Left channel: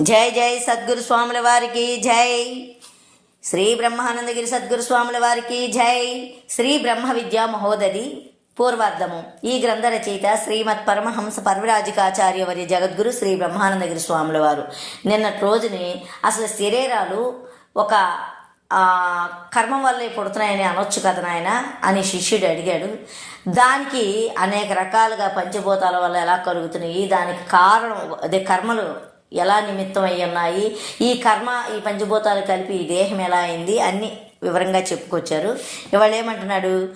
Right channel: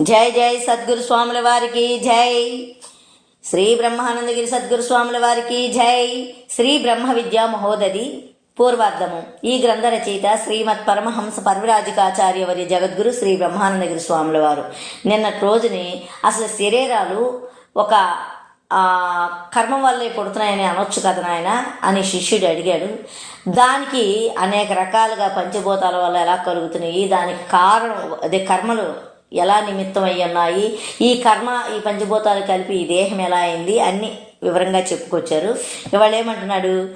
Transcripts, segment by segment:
జై జై సద్గురు స్వాముల వారికి జై. శ్రీ బ్రహ్మానందగిరి సద్గురు స్వాముల వారికి జై. శ్రీ బ్రహ్మ విద్యా మహోదది పూర్వార్ధము. ఈ గ్రంథ రచయిత శ్రీమత్ పరమహంస పర్వరాజికాచార్య వారి జగద్గురు శ్రీ బ్రహ్మానందగిరి స్వాముల వారు. నిన్నటి రోజుని అసలు శరీరాలు ఒక కర్మ వల్లే పుడుతున్నాయని అనొచ్చు కదా నాయన అని శిష్యుడు అడిగాడు. దానికి అనేక రకాలుగా పంచభూతాల వల్ల ఎలా కలుగుతున్నాయి దానికి కారణం అదే కర్మలు ఎలా నిమిత్తం అయి ఉన్నాయి? ఈ కర్మ ఈ పంచభూతాలు కలిపి ఈ దేహం ఎలా అయింది? అన్ని వివరంగా చెప్పుకొచ్చారు. ఇవాళ ఏమంటున్నాడు?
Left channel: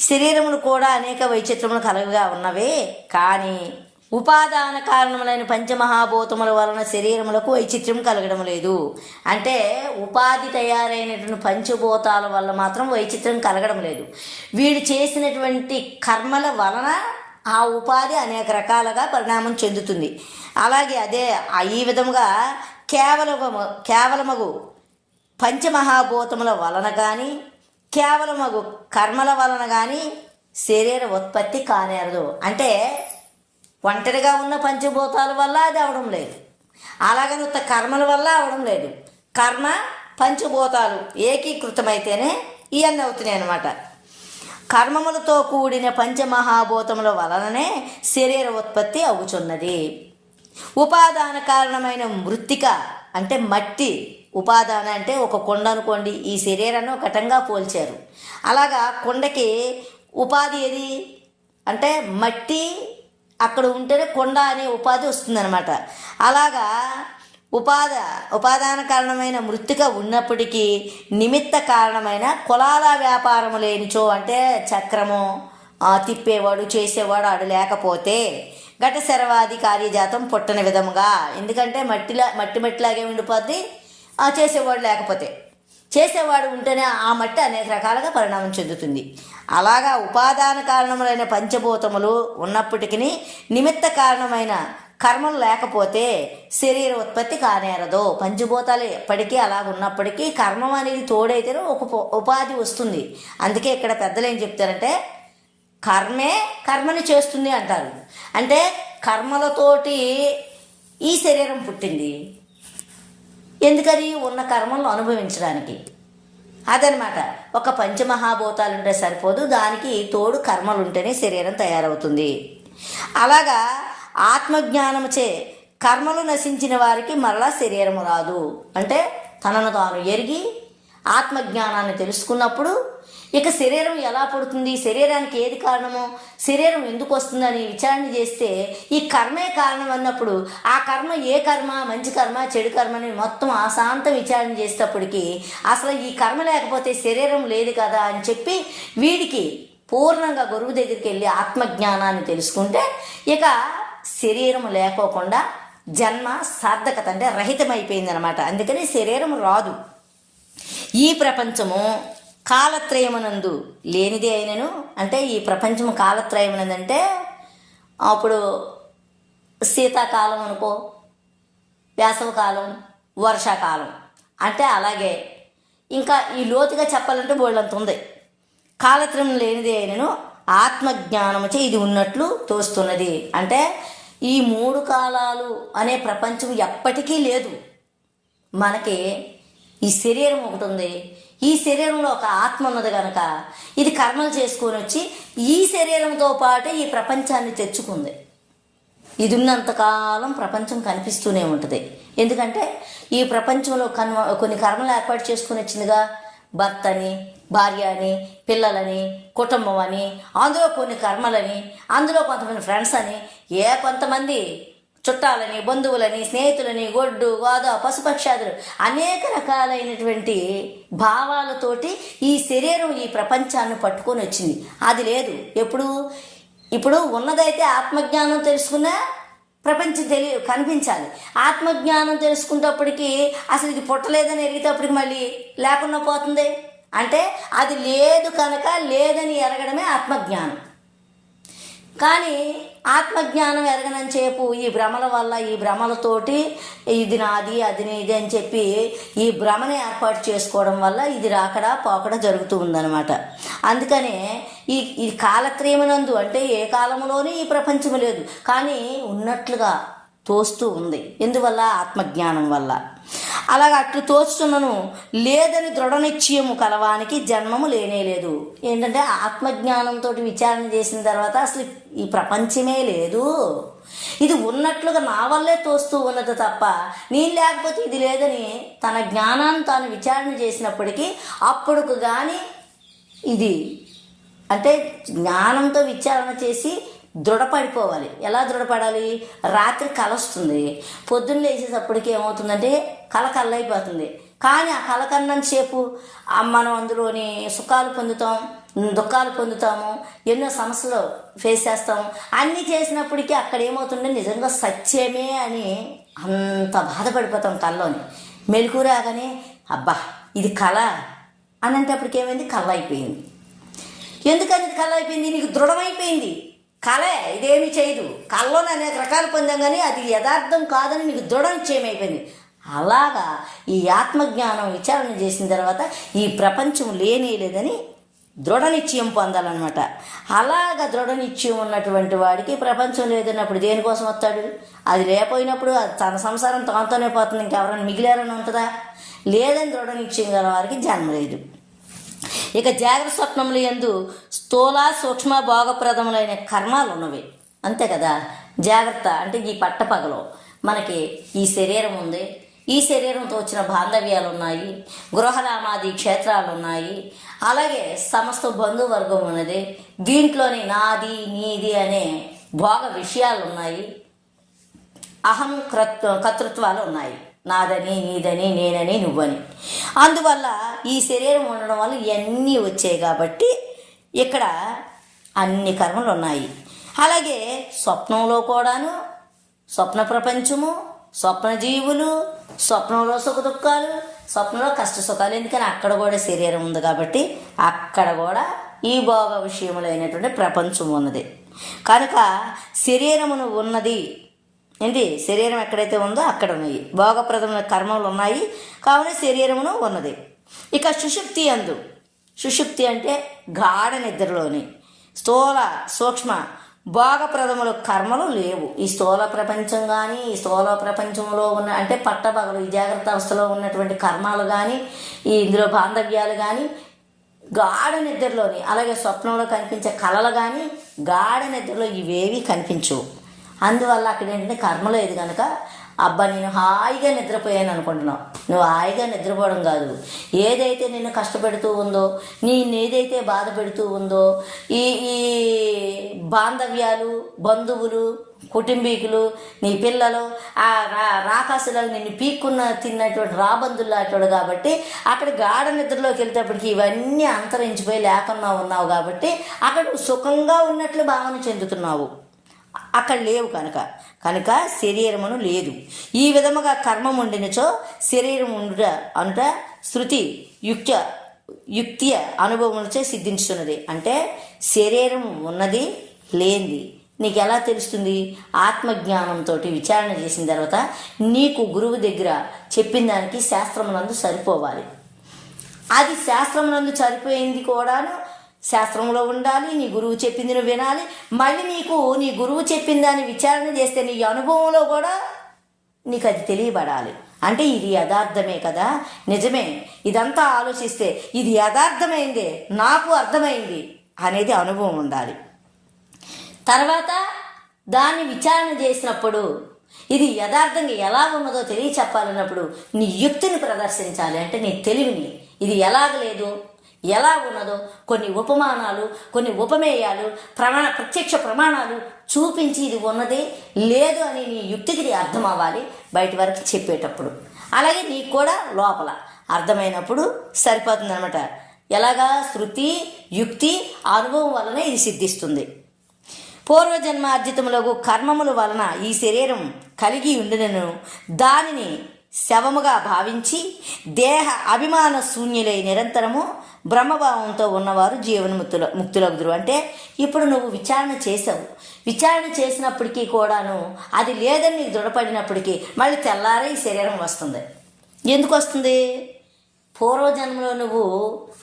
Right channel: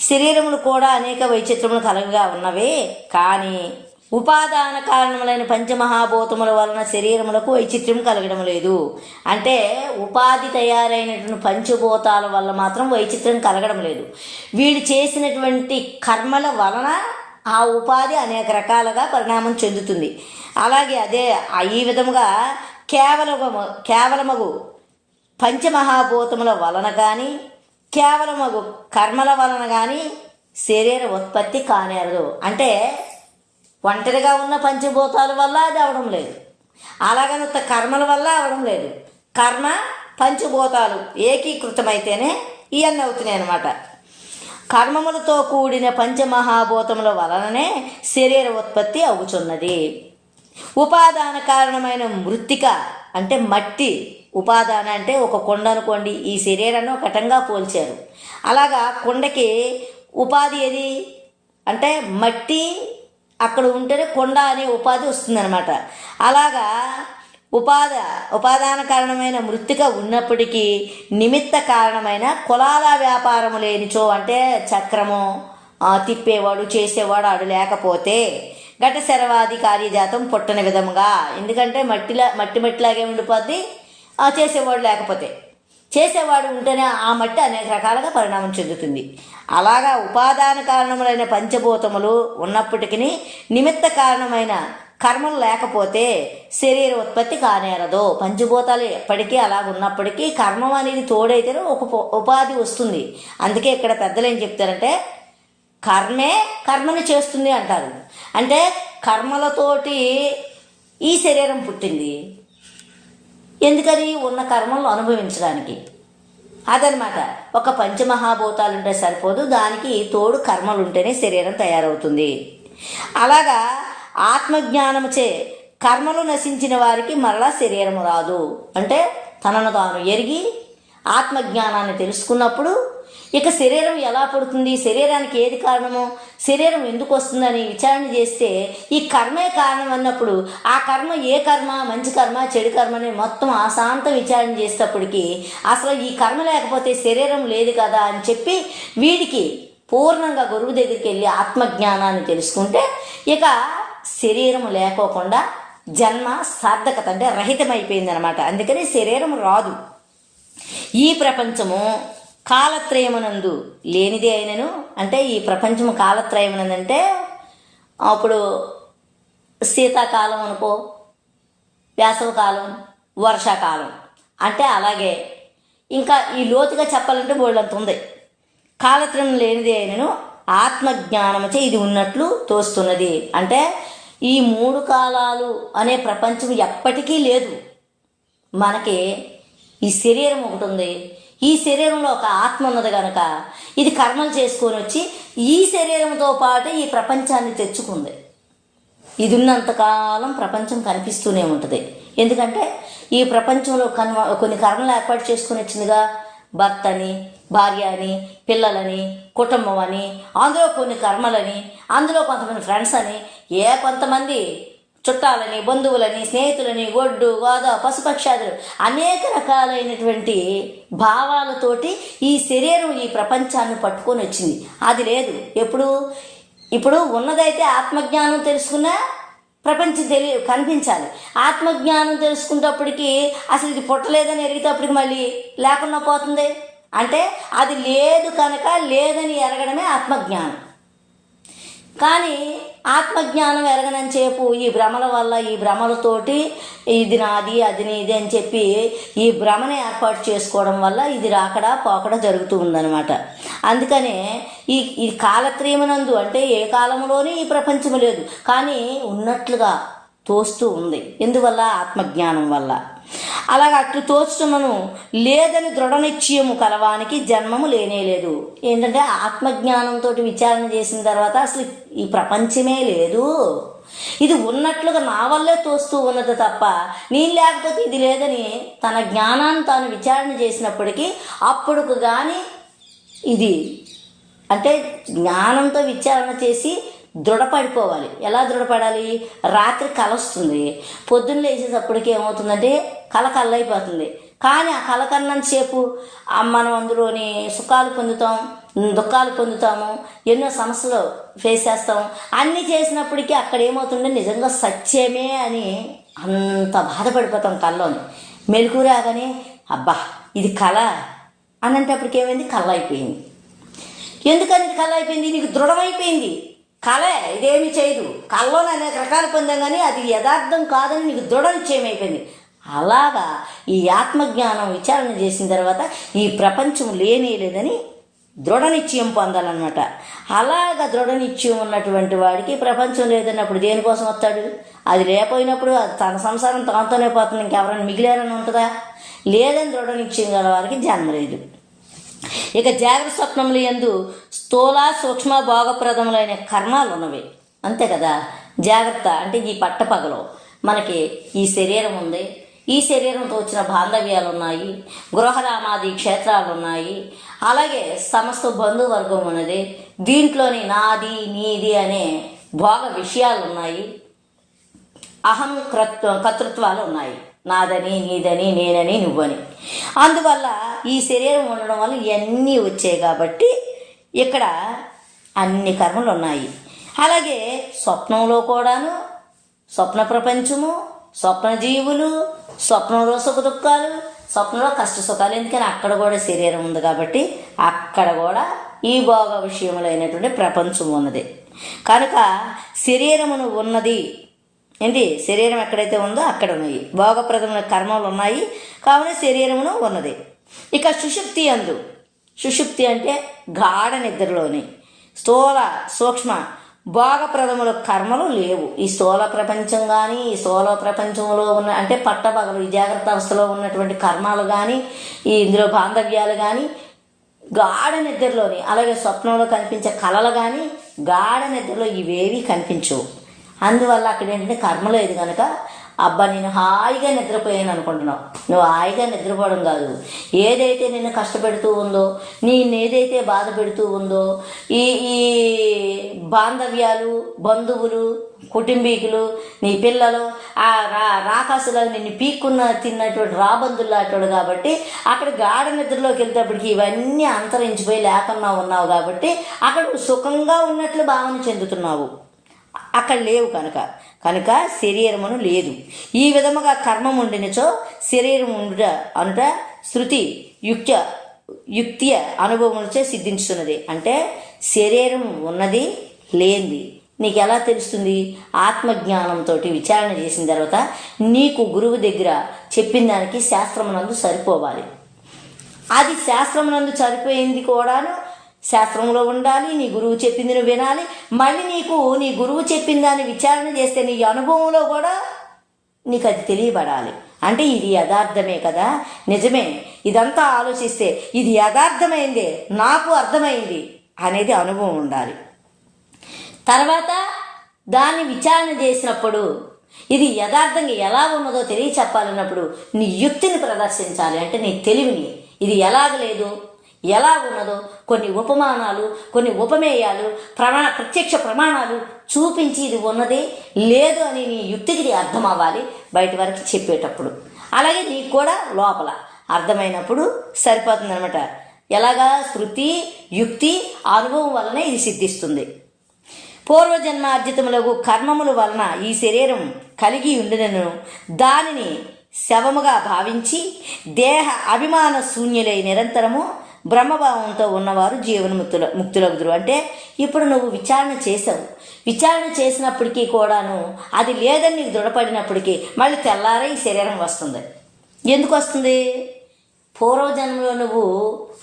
శరీరములు కూడా అనేక వైచిత్రములు కలగగా ఉన్నవే కానీ ఉపాదాన కారణములైన పంచమహాభూతముల వలన శరీరములకు వైచిత్ర్యం కలగడం లేదు. అంటే ఉపాధి తయారైనటువంటి పంచభూతాల వల్ల మాత్రం వైచిత్ర్యం కలగడం లేదు. వీడు చేసినటువంటి కర్మల వలన ఆ ఉపాధి అనేక రకాలుగా పరిణామం చెందుతుంది. అలాగే అదే ఈ విధముగా కేవలము కేవలమగు పంచమహాభూతముల వలన కానీ కేవలమగు కర్మల వలన కానీ శరీర ఉత్పత్తి కానేరదు. అంటే ఒంటరిగా ఉన్న పంచభూతాల వల్ల అది అవడం లేదు. అలాగని కర్మల వల్ల అవడం లేదు. కర్మ పంచభూతాలు ఏకీకృతమైతేనే ఇవన్నీ అవుతున్నాయి అన్నమాట కర్మములతో కూడిన పంచమహాభూతముల వలననే శరీర ఉత్పత్తి అవుచున్నది. ఉపాదాన కారణమైన మృత్తిక అంటే మట్టి. ఉపాదాన అంటే ఒక కొండ అనుకోండి ఈ శరీరాన్ని ఒక ఘటంగా పోల్చారు. అలాగా కొండకి ఉపాధి ఏది? అంటే మట్టి అక్కడ ఉంటేనే కొండ అనే ఉపాధి వస్తుందన్నమాట. అలాగా ఉపాద ఉపాదాన కారణమైన మృతిక ఉన్నప్పటికీ నిమిత్త కారణమైన కులాల వ్యాపారము లేనిచో అంటే చక్రము తిప్పేవాడు చేసేవాడు ఆడు లేకపోతే ఘట శరవాది కార్యజాతం పుట్టన విధముగా. ఎందుకంటే మట్టిలా మట్టి మట్టిలాగే ఉండిపోద్ది ఆ చేసేవాడు లేకపోతే. చేసేవాడు ఉంటేనే ఆ మట్టి అనేక రకాలుగా పరిణామం చెందుతుంది. అలాగా ఉపాదాన కారణములైన పంచభూతములు ఉన్నప్పటికీ నిమిత్త కారణమైన కర్మలు లేకపోతే శరీర ఉత్పత్తి కానేరదు. పంచభూతాలు ఎప్పటికీ అలా ఉన్నప్పటికీ కర్మం అనేది తోడైతేనే ఒక ఉపాధి వస్తుంది. అందుకే ఇక్కడ పెద్దలు ఏం చెప్తారంటే కర్మే కర్మని చేస్తుంది అంటారు. అంటే కర్మలతోటి ఈ శరీరం పుట్టింది. ఎందుకని? ఉన్న కర్మలను అనుభవించడానికి. అదనమాట. ఒక పంచమహాభూతాలు ఉంటే సరిపోదు. దానికి తోడు కర్మలు ఉంటేనే శరీరం తయారవుతుంది. అలాగా ఆత్మజ్ఞానముచే కర్మలు నశించిన వారికి మరలా శరీరము రాదు. అంటే తనను తాను ఎరిగి ఆత్మజ్ఞానాన్ని తెలుసుకున్నప్పుడు ఇక శరీరం ఎలా పడుతుంది? శరీరానికి ఏది కారణమో? శరీరం ఎందుకు వస్తుందని విచారణ చేస్తే ఈ కర్మే కారణం అన్నప్పుడు ఆ కర్మ ఏ కర్మ మంచి కర్మ చెడు కర్మ అని మొత్తం అశాంత విచారణ చేసేటప్పటికి అసలు ఈ కర్మ లేకపోతే శరీరం లేదు కదా అని చెప్పి వీడికి పూర్ణంగా గురువు దగ్గరికి వెళ్ళి ఆత్మజ్ఞానాన్ని తెలుసుకుంటే ఇక శరీరం లేకోకుండా జన్మ సార్థకత అంటే రహితమైపోయిందనమాట అందుకని శరీరం రాదు. ఈ ప్రపంచము కాలత్రయమునందు లేనిదే అయినను అంటే ఈ ప్రపంచము కాలత్రయమునందంటే అప్పుడు శీతాకాలం అనుకో వేసవకాలం వర్షాకాలం. అంటే అలాగే ఇంకా ఈ లోతుగా చెప్పాలంటే బోళ్ళంత ఉంది. కాలత్రయం లేనిదే అయినను ఆత్మజ్ఞానముచే ఇది ఉన్నట్లు తోస్తున్నది. అంటే ఈ మూడు కాలాలు అనే ప్రపంచం ఎప్పటికీ లేదు. మనకి ఈ శరీరం ఒకటి ఉంది. ఈ శరీరంలో ఒక ఆత్మ ఉన్నది కనుక ఇది కర్మలు చేసుకొని వచ్చి ఈ శరీరంతో పాటు ఈ ప్రపంచాన్ని తెచ్చుకుంది. ఇది ఉన్నంతకాలం ప్రపంచం కనిపిస్తూనే ఉంటుంది. ఎందుకంటే ఈ ప్రపంచంలో కన్వ కొన్ని కర్మలు ఏర్పాటు చేసుకుని వచ్చిందిగా. భర్త అని భార్య అని పిల్లలని కుటుంబం అని అందులో కొన్ని కర్మలని అందులో కొంతమంది ఫ్రెండ్స్ అని ఏ కొంతమంది చుట్టాలని బంధువులని స్నేహితులని గొడ్డు వాద పశుపక్షాదులు అనేక రకాలైనటువంటి భావాలతోటి ఈ శరీరం ఈ ప్రపంచాన్ని పట్టుకొని వచ్చింది. అది లేదు. ఎప్పుడు? ఇప్పుడు ఉన్నదైతే ఆత్మజ్ఞానం తెలుసుకున్నా ప్రపంచం తెలి కనిపించాలి. ఆత్మజ్ఞానం తెలుసుకునేటప్పటికి అసలు ఇది పుట్టలేదని ఎరిగేటప్పటికి మళ్ళీ లేకుండా పోతుంది. అంటే అది లేదు కనుక లేదని ఎరగడమే ఆత్మజ్ఞానం. కానీ ఆత్మజ్ఞానం ఎరగనని చెప్పు ఈ భ్రమల వల్ల ఈ భ్రమలతోటి ఇది నాది అది నీది అని చెప్పి ఈ భ్రమని ఏర్పాటు చేసుకోవడం వల్ల ఇది రాకడా పోకడ జరుగుతూ ఉందన్నమాట. అందుకనే ఈ ఈ కాలత్రయమునందు అంటే ఏ కాలంలోనే ఈ ప్రపంచం లేదు. కానీ ఉన్నట్లుగా తోస్తూ ఉంది. ఎందువల్ల? ఆత్మజ్ఞానం వల్ల. అలాగ అట్లు తోస్తున్నను లేదని దృఢ నిశ్చయము కలవానికి జన్మము లేనే లేదు. ఏంటంటే ఆత్మజ్ఞానంతో విచారణ చేసిన తర్వాత అసలు ఈ ప్రపంచమే లేదు. ఇది ఉన్నట్లుగా నా వల్లే తోస్తూ ఉన్నది తప్ప నేను లేకపోతే ఇది లేదని తన జ్ఞానాన్ని తాను విచారణ చేసినప్పటికీ అప్పుడుకు కానీ ఇది అంటే జ్ఞానంతో విచారణ చేసి దృఢపడిపోవాలి. ఎలా దృఢపడాలి? రాత్రి కల వస్తుంది. పొద్దున్న లేచేటప్పటికి ఏమవుతుందంటే కళ కళ్ళైపోతుంది. కానీ ఆ కళ కన్నంతసేపు మనం అందులోని సుఖాలు పొందుతాం దుఃఖాలు పొందుతాము ఎన్నో సమస్యలు ఫేస్ చేస్తాం. అన్నీ చేసినప్పటికీ అక్కడ ఏమవుతుందంటే నిజంగా సత్యమే అని అంత బాధపడిపోతాం కళ్ళలోని. మెలకు రాగానే అబ్బా ఇది కళ. అని అంటప్పటికి ఏమైంది? కళ్ళ అయిపోయింది ఎందుకని కళ్ళ అయిపోయింది నీకు దృఢమైపోయింది. కళే ఇదేమి చేయదు. కళ్ళలో అనేక రకాలు పొందాం కానీ అది యథార్థం కాదని నీకు దృఢ నిశ్చయమైపోయింది అలాగా ఈ ఆత్మజ్ఞానం విచారణ చేసిన తర్వాత ఈ ప్రపంచం లేనే లేదని దృఢ నిశ్చయం పొందాలన్నమాట. అలాగా దృఢ నిశ్చయం ఉన్నటువంటి వాడికి ప్రపంచం లేదన్నప్పుడు దేనికోసం వస్తాడు? అది లేకపోయినప్పుడు అది తన సంసారం తనతోనే పోతుంది. ఇంకెవరైనా మిగిలారని ఉంటుందా? లేదని దృఢ నిశ్చయం గల వారికి జన్మ లేదు. ఇక జాగ్రత్త స్వప్నములు ఎందు స్థూల సూక్ష్మ భోగప్రదములైన కర్మాలు ఉన్నవి అంతే కదా? జాగ్రత్త అంటే ఈ పట్టపగలో. మనకి ఈ శరీరం ఉంది. ఈ శరీరంతో వచ్చిన బాంధవ్యాలు ఉన్నాయి గృహరామాది క్షేత్రాలు ఉన్నాయి అలాగే సమస్త బంధువర్గం ఉన్నది దీంట్లోని నాది నీది అనే భోగ విషయాలు ఉన్నాయి అహం కృత్ కర్తృత్వాలు ఉన్నాయి నాదని నీదని నేనని నువ్వని. అందువల్ల ఈ శరీరం ఉండడం వల్ల ఇవన్నీ వచ్చాయి కాబట్టి ఇక్కడ అన్ని కర్మలు ఉన్నాయి. అలాగే స్వప్నంలో కూడాను స్వప్న ప్రపంచము స్వప్న జీవులు స్వప్నంలో సుఖ దుఃఖాలు స్వప్నంలో కష్ట సుఖాలు. ఎందుకని అక్కడ కూడా శరీరం ఉంది కాబట్టి అక్కడ కూడా ఈ భోగ విషయములైనటువంటి ప్రపంచం ఉన్నది. కనుక శరీరమును ఉన్నది. ఏంటి? శరీరం ఎక్కడైతే ఉందో అక్కడ ఉన్నాయి భోగప్రదమైన కర్మలు ఉన్నాయి. కావున శరీరమును ఉన్నది. ఇక సుషుప్తి అందు. సుషుప్తి అంటే గాఢ నిద్రలోని. స్థూల సూక్ష్మ భోగప్రదముల కర్మలు లేవు. ఈ స్థూల ప్రపంచం కానీ ఈ స్థూల ప్రపంచంలో ఉన్న అంటే పట్టబగలు ఈ జాగ్రత్త అవస్థలో ఉన్నటువంటి కర్మాలు కానీ ఈ ఇందులో బాంధవ్యాలు కానీ గాఢ నిద్రలోని అలాగే స్వప్నంలో కనిపించే కళలు కానీ గాఢ నిద్రలో ఇవేవి కనిపించవు. అందువల్ల అక్కడ ఏంటంటే కర్మ లేదు కనుక అబ్బా నేను హాయిగా నిద్రపోయాను అనుకుంటున్నావు. నువ్వు హాయిగా నిద్రపోవడం కాదు. ఏదైతే నిన్ను కష్టపెడుతూ ఉందో నీ ఏదైతే బాధ పెడుతూ ఉందో ఈ ఈ బాంధవ్యాలు బంధువులు కుటుంబీకులు నీ పిల్లలు ఆ రా రాకాసులో నిన్ను పీక్కున్న తిన్నటువంటి రాబందులు కాబట్టి అక్కడ గాఢ నిద్రలోకి వెళ్తేప్పటికి ఇవన్నీ అంతరించిపోయి లేకుండా ఉన్నావు కాబట్టి అక్కడ సుఖంగా ఉన్నట్లు భావన చెందుతున్నావు. అక్కడ లేవు కనుక. కనుక శరీరమును లేదు. ఈ విధముగా కర్మం ఉండినచో శరీరం ఉండుట అనుట శృతి యుక్త యుక్తియ అనుభవములచే సిద్ధించుతున్నది అంటే శరీరం ఉన్నది లేనిది. నీకు ఎలా తెలుస్తుంది? ఆత్మజ్ఞానంతో విచారణ చేసిన తర్వాత నీకు గురువు దగ్గర చెప్పిన దానికి శాస్త్రమునందు సరిపోవాలి. అది శాస్త్రమునందు సరిపోయింది కూడాను శాస్త్రంలో ఉండాలి నీ గురువు చెప్పింది నువ్వు వినాలి. మళ్ళీ నీకు నీ గురువు చెప్పిన దాన్ని విచారణ చేస్తే నీ అనుభవంలో కూడా నీకు అది తెలియబడాలి. అంటే ఇది యథార్థమే కదా? నిజమే. ఇదంతా ఆలోచిస్తే ఇది యథార్థమైందే నాకు అర్థమైంది అనేది అనుభవం ఉండాలి. తర్వాత దాన్ని విచారణ చేసినప్పుడు ఇది యథార్థంగా ఎలా ఉన్నదో తెలియ చెప్పాలన్నప్పుడు నీ యుక్తిని ప్రదర్శించాలి. అంటే నీ తెలివిని. ఇది ఎలాగ లేదు? ఎలా ఉన్నదో కొన్ని ఉపమానాలు కొన్ని ఉపమేయాలు ప్రమాణ ప్రత్యక్ష ప్రమాణాలు చూపించి ఇది ఉన్నది లేదు అని నీ యుక్తికి ఇది అర్థం అవ్వాలి బయట వరకు చెప్పేటప్పుడు. అలాగే నీకు కూడా లోపల అర్థమైనప్పుడు సరిపోతుంది అనమాట ఎలాగా? శృతి యుక్తి అనుభవం వలన ఇది సిద్ధిస్తుంది. పూర్వజన్మ అర్జితములకు కర్మముల వలన ఈ శరీరం కలిగి ఉండినను. దానిని శవముగా భావించి దేహ అభిమాన శూన్యులై నిరంతరము బ్రహ్మభావంతో ఉన్నవారు జీవన్ముక్తుల ముక్తులగుదురు. అంటే ఇప్పుడు నువ్వు విచారణ చేసావు విచారణ చేసినప్పటికీ కూడాను అది లేదని నీకు దృఢపడినప్పటికీ మళ్ళీ తెల్లారే ఈ శరీరం వస్తుంది. ఎందుకు వస్తుంది? పూర్వజన్మలో నువ్వు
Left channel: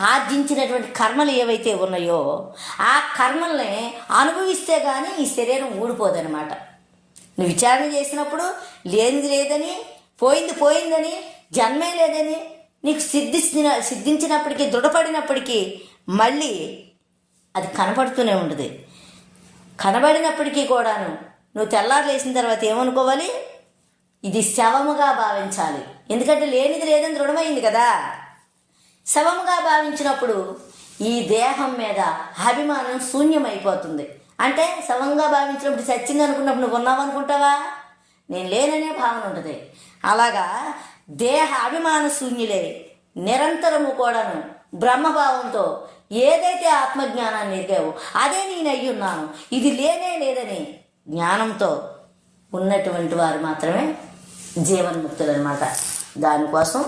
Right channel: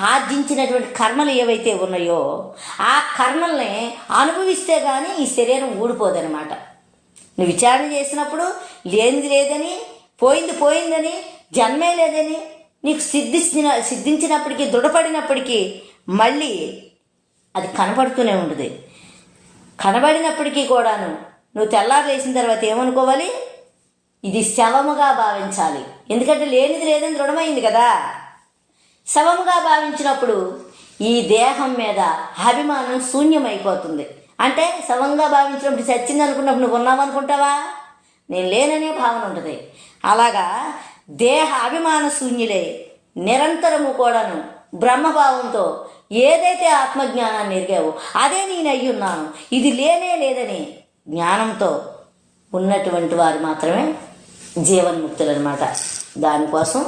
ఆర్జించినటువంటి కర్మలు ఏవైతే ఉన్నాయో ఆ కర్మల్ని అనుభవిస్తే కానీ ఈ శరీరం ఊడిపోదనమాట నువ్వు విచారణ చేసినప్పుడు లేనిది లేదని పోయింది పోయిందని జన్మే లేదని నీకు సిద్ధించిన సిద్ధించినప్పటికీ దృఢపడినప్పటికీ మళ్ళీ అది కనపడుతూనే ఉంటుంది కనబడినప్పటికీ కూడాను నువ్వు తెల్లారు లేచిన తర్వాత ఏమనుకోవాలి? ఇది శవముగా భావించాలి. ఎందుకంటే లేనిది లేదని దృఢమైంది కదా. శవముగా భావించినప్పుడు ఈ దేహం మీద అభిమానం శూన్యమైపోతుంది. అంటే శవంగా భావించినప్పుడు చచ్చింది అనుకున్నప్పుడు నువ్వు ఉన్నావు అనుకుంటావా నేను లేననే భావన ఉంటుంది. అలాగా దేహ అభిమాన శూన్యులే. నిరంతరము కూడాను బ్రహ్మభావంతో ఏదైతే ఆత్మజ్ఞానాన్ని ఎరిగావో అదే నేను అయ్యున్నాను ఇది లేనే లేదని జ్ఞానంతో ఉన్నటువంటి వారు మాత్రమే జీవన్ముక్తులు అనమాట దానికోసం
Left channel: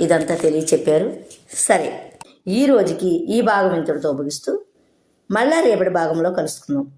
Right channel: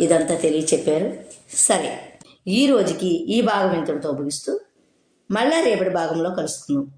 ఇదంతా తెలియచెప్పారు. సరే ఈ రోజుకి ఈ భాగం ఇంతటితో ముగిస్తూ మళ్ళా రేపటి భాగంలో కలుసుకుందాం.